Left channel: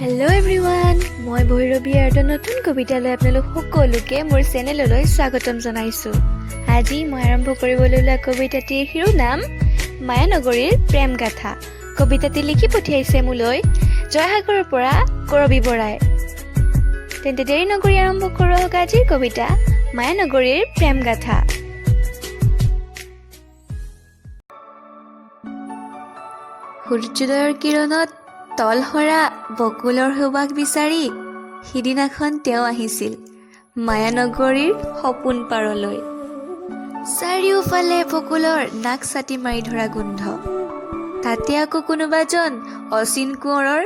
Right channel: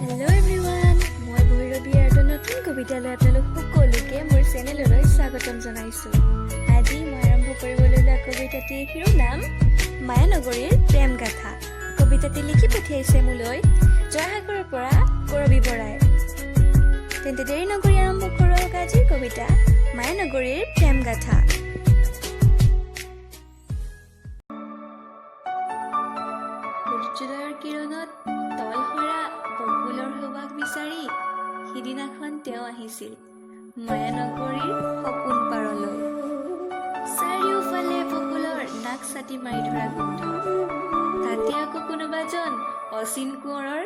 Hello' everyone, মই ভৈৰৱী আৰু নতুন কবিতালৈ আপোনালোক সকলোকে মোৰ চেনেললৈ স্বাগতম জনাইছোঁ। আজি মই আৰম্ভ কৰিবলৈ লোৱা কবিতাটিৰ শিৰোনাম মায়ানগৰীৰ প্ৰেম গাথা। কবিতাটি লিখি পঠিয়াইছে মোলৈ জয়সাগৰৰ পৰা কৰবী বৰাই। তেন্তে দেৰি নকৰি আৰম্ভ কৰক আজিৰ কবিতা মায়ানগৰীৰ প্ৰেম গাথা। সূৰ্যোদয়ৰ কিৰণত তলসৰা বকুলৰ সুবাস বিচাৰি সিদিনাখন তেওঁ আহিছিল মায়ানগৰীৰ সপোন পাৰলৈ। চাৰিওফালে বকুলৰ নাক ছাতি মাৰি ধৰা গোন্ধ, তাতে আকৌ কোনোবাজন অচিন কোঁৱৰৰ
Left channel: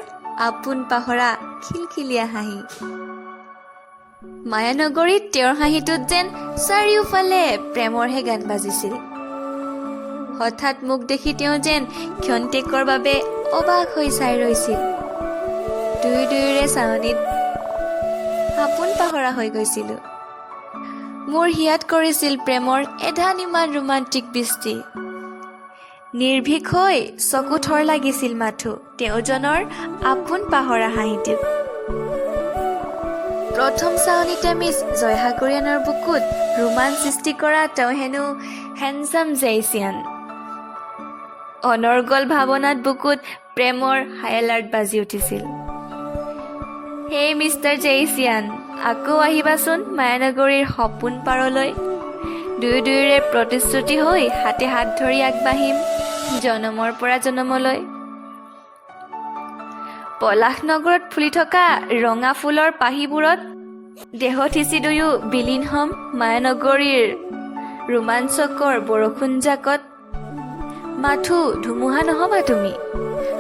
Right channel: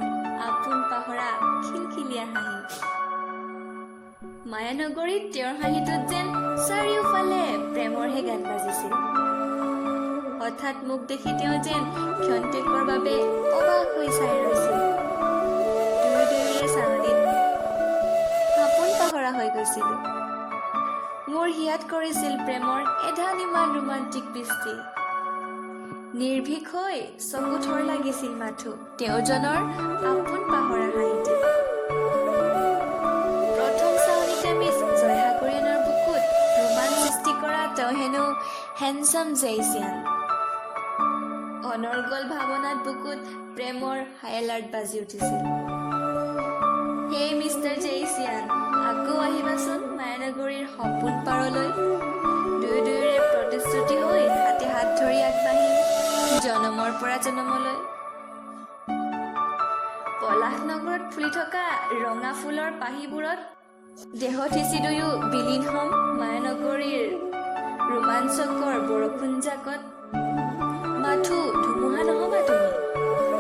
আপোন পাহৰা খিলখিলীয়া হাঁহি। মায়ানগৰীত তেওঁৰ হাঁহিটোত যেন চাৰিওফালে প্ৰেমৰহে গান বাজিছিল। হঠাৎ মোক দেখি তেওঁ যেন ক্ষন্তেকৰ বাবে অবাক হৈ চাই ৰৈছিল। দুয়োৰে চাৱনিত আপোন পাহৰা হৈ গৈছিলোঁ। মোৰ হিয়াত কৰিছিল প্ৰেমৰ এধান ইমান ৰোমান্টিক বৃষ্টি। নিৰ্ভীক হৈ চকু থৰ লাগিছিল মাথো তেওঁজনৰ আপোন পাহৰা হাঁহিটিত। প্ৰথম চাৱনিতে মিছ জয়সাগৰীয়ানৰ বুকুত ৰোমাঞ্চ সৃষ্টি কৰা তেওঁ হেনো হেণ্ডচাম জেইচিয়ান। অনৰ্গল ভাৱনাত বুকুত প্ৰেমৰ হাই এলাৰ্ট বাজি উঠিছিল। হেই মিষ্টাৰ জেইচিয়ান, আকৌ আহিবাচোন মায়ানগৰীৰ সপোন পাৰলৈ। দুয়োৰে প্ৰতিশ্ৰুতি হৈ হাতে হাত ধৰি আগবাঢ়িম জনমৰ পৰা জনমলৈ। পলাশ নগৰত ফুলি থকা ৰঙা ফুলৰ পাহিবোৰত দেহত সিঁচি দুয়ো বিলীন হম মায়ানগৰীৰ ৰোমাঞ্চকৰ বৰষুণ জাকত। মাথো ধুমুহা নহবা তুমি,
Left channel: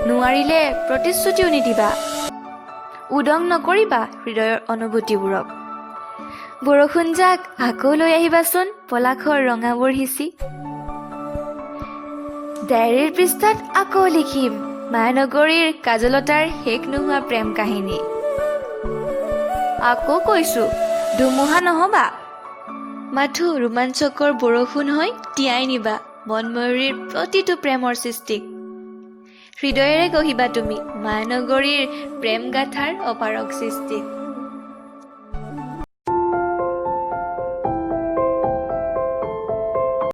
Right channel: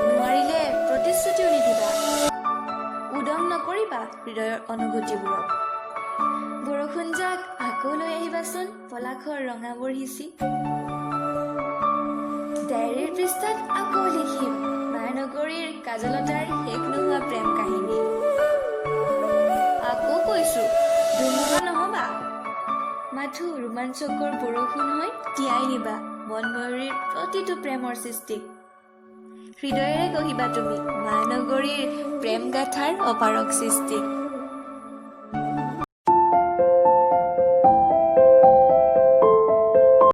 নোৱাৰিলে প্ৰতিশ্ৰুতিও নিদিবা, উদং নকৰিবা হৃদয়ৰ অনুভূতিবোৰক। বৰষুণ জাক আকৌ লৈ আহিবাচোন পলাশৰ ৰঙাবোৰ সিঁচি। ডায়েৰীৰ পৃষ্ঠাত আকৌ লিখিম মায়ানগৰীৰ কাজলতাৰ শেষ নোহোৱা প্ৰেম কাহিনী। আকৌ কৈছো ধুমুহা নহবা, মাথো ৰোমাঞ্চকৰ বৰষুণ হৈ তিয়াই নিবা মনময়ূৰীৰ প্ৰতিটো প্ৰেমৰ সৃষ্টিক। হৃদয়েৰে গঢ়িবা তুমি মায়ানগৰীৰ প্ৰেম গাথাৰ অপাৰক সৃষ্টিক।